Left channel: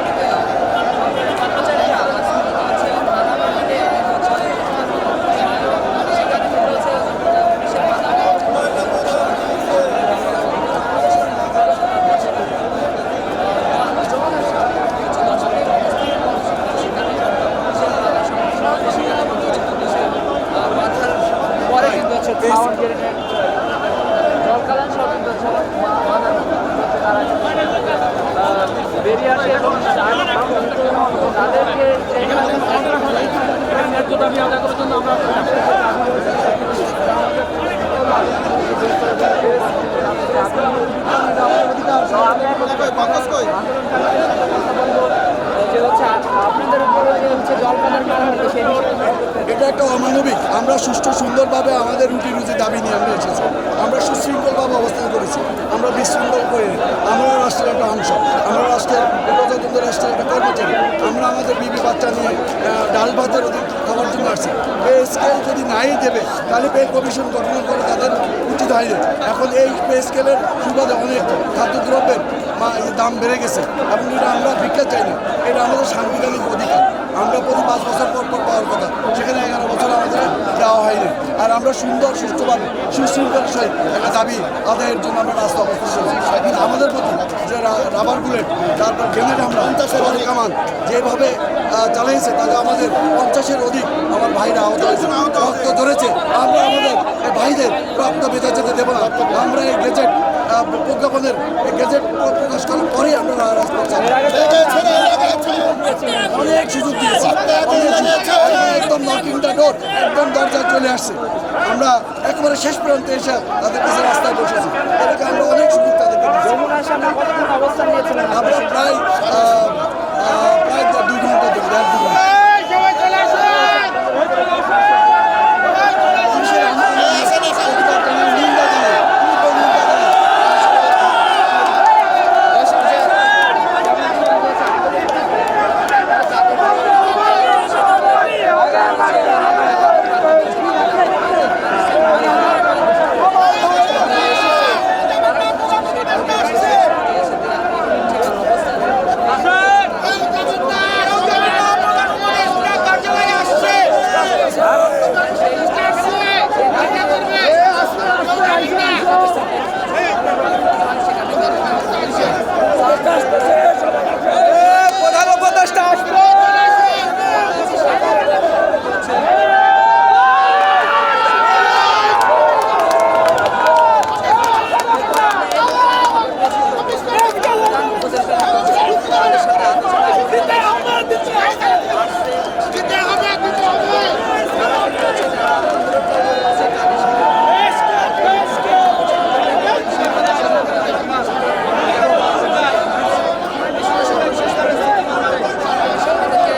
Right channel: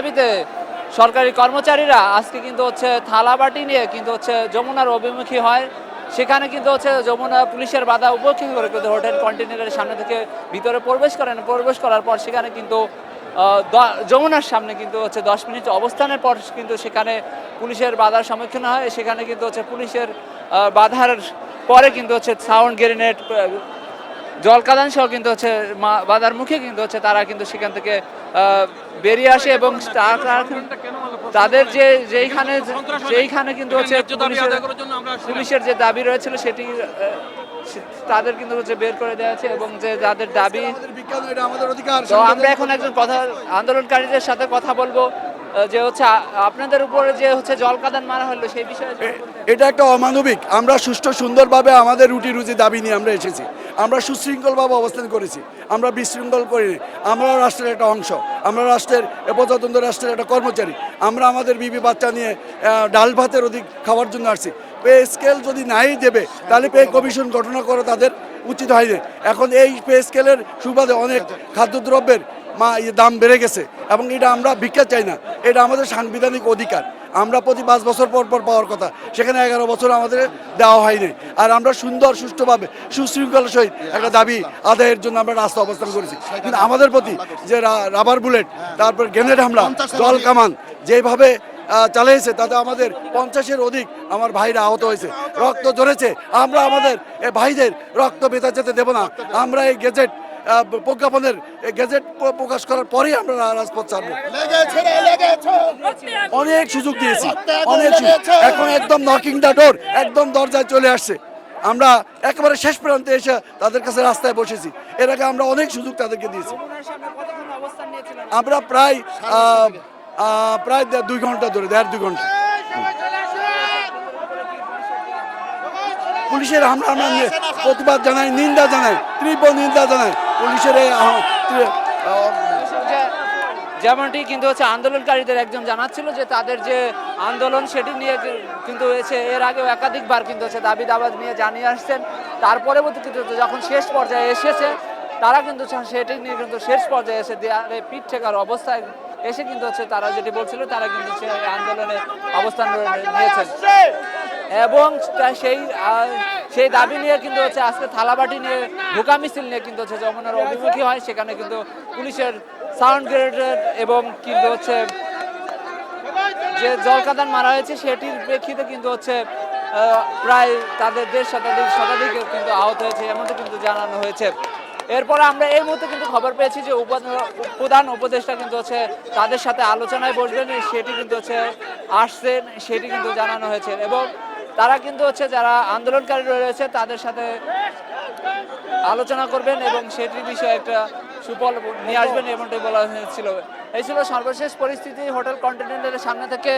দাবিতে সরকারি কর্মচারীরা আজকে কিন্তু হচ্ছে থালাবাটি নিয়ে কিন্তু হচ্ছে যমুনার অভিমুখী হয়। সেখানে কিন্তু হচ্ছে যমুনা পুলিশের বাধা উপেক্ষা করে কিন্তু হোটেল কন্টেনারের সামনে ভিতরে প্রবেশ করার পর সেখানে কিন্তু যমুনার সামনে কিন্তু হচ্ছে 10 মিনিট অবস্থানের পর কিন্তু সেখানে পুলিশের বাধার সম্মুখীন হয়। সেখানে কিন্তু হচ্ছে পুলিশের বাধার পরে কিন্তু হচ্ছে সাউন্ড গ্রেনেড, জলকাদান সহ কিন্তু হচ্ছে বাধার মুখে কিন্তু হচ্ছে তারা কিন্তু সেখান থেকে বেরিয়ে আসে এবং তাদের যেইখানে কিন্তু হচ্ছে পুলিশের যে দাবি রয়েছে সেটি তাদের কিন্তু হচ্ছে বের করে দিয়েছে এবং যে তাদের দাবি। তো আমরা এখন আন্দোলনকারীদের সাথে কথা বলবো যে হচ্ছে আপনাদের উপরে যে হচ্ছে জলকাদান মারা হলো সেই বিষয়ে। এটা একটা অমানবিক। আমরা সুষ্ঠু সুন্দরভাবে আমাদের রুটি রুজি দাবি নিয়ে আমরা এসেছি। আমরা সুশৃঙ্খলভাবে অবস্থান করেছি, আমরা বিশৃঙ্খল করিনি। আমরা রাষ্ট্রের একটা অংশ, আমরা রাষ্ট্রের প্রজাতন্ত্র রাষ্ট্রের একটা কর্মচারী। আমরা আমাদের বিবি বাচ্চা নিয়ে ডাল ভাতের অধিক খাওয়ার জন্য আসছি। পে স্কেল যদি নাই দেবে তাহলে পে কমিশন গঠন করা তাদের উচিত হয়নি। এখন এই পে স্কেলের সুবাদে অনেক খাদ্যদ্রব্যের দাম বেড়ে গেছে এবং এটা আমরা ভিক্ষা চাই না, এটা আমাদের সাংবিধানিক অধিকার। আমরা প্রতি 5 বছর পর পাওয়ার কথা, সেখানে 11 বছর আমাদের দেওয়া হয়নি। আর আমরা সুন্দর সুষ্ঠুভাবে সুশৃঙ্খলার সহিত একটা দাবি আদায়ের জন্য আমরা রাস্তা অবস্থান করেছি। কিন্তু আমাদের প্রতি যে রাবার বুলেট, তারপর গ্রেনেড হামলা, জল কামান যেভাবে চালিয়েছে তাতে আমাদের 50-এর অধিক আমার ভাইরা আহত হয়েছে, রক্ত ধরেছে। আমরা আমাদের ভাইদের রক্ত বেঁচে যেতে দেবো না। আমরা এই গেজেট প্রজ্ঞাপনের গেজেট প্রকাশ করার পরেই আমরা রাজপথ অনেক সুযোগ দিয়েছি, অনেক এখন একদম নকিং দ্য ডোর, একদম দরজায় চলে আসছে। আমরা একেবারে শেষ প্রান্তে এসে তাদের কাছে রাস্তায় বসেছি। এটাকে আমরা অনেক সুযোগ তাদেরকে দিয়েছি। আমরা প্রায় 2 ঘন্টা ধরে, 1.5-2 ঘন্টা পুলিশের হামলা নিয়ে প্রতিবাদ জানাই, নিন্দা জানাই, তীব্র নিন্দা জানাই পুলিশের। যেমনটি কিন্তু হচ্ছে আন্দোলনকারীদের একজন জানাচ্ছেন যে তাদের যে আন্দোলন সেটি নিয়ে রয়েছে, এর আগে একাধিকবার কিন্তু হচ্ছে তাদের দাবি নিয়ে জানিয়ে আসছেন। তারপরে শেষ পর্যায়ে এসেছে তারা কিন্তু সেটা নিয়ে শেষ পর্যায়ে এসে ঠেকার অবস্থায় এবং সেই দাবি নিয়ে সারাবাটি সেখানে এবং প্রধান উপদেষ্টা যে জলকাদান মারা হয়েছে সেটা কিন্তু হচ্ছে প্রায় এরপরে আমরা এই খবর পেয়েছি যে প্রধান উপদেষ্টা কিন্তু হচ্ছে তাদের সাথে আলোচনায় বসতে আসছে। তারা কিন্তু হচ্ছে যারা আন্দোলনকারী রয়েছে তাদের সাথে আলোচনা করবেন এবং সেখানে সর্বশেষ পরিস্থিতি সামনে থেকে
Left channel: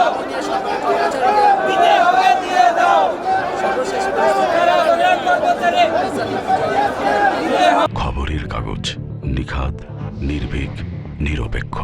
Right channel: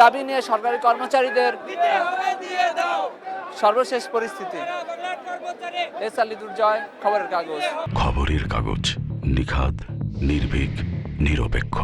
দাবি নিয়ে সরকারি কর্মচারীদের সর্বশেষ পরিস্থিতি। খবরের কাগজ, নিখাত, নির্ভীক, নিরপেক্ষ।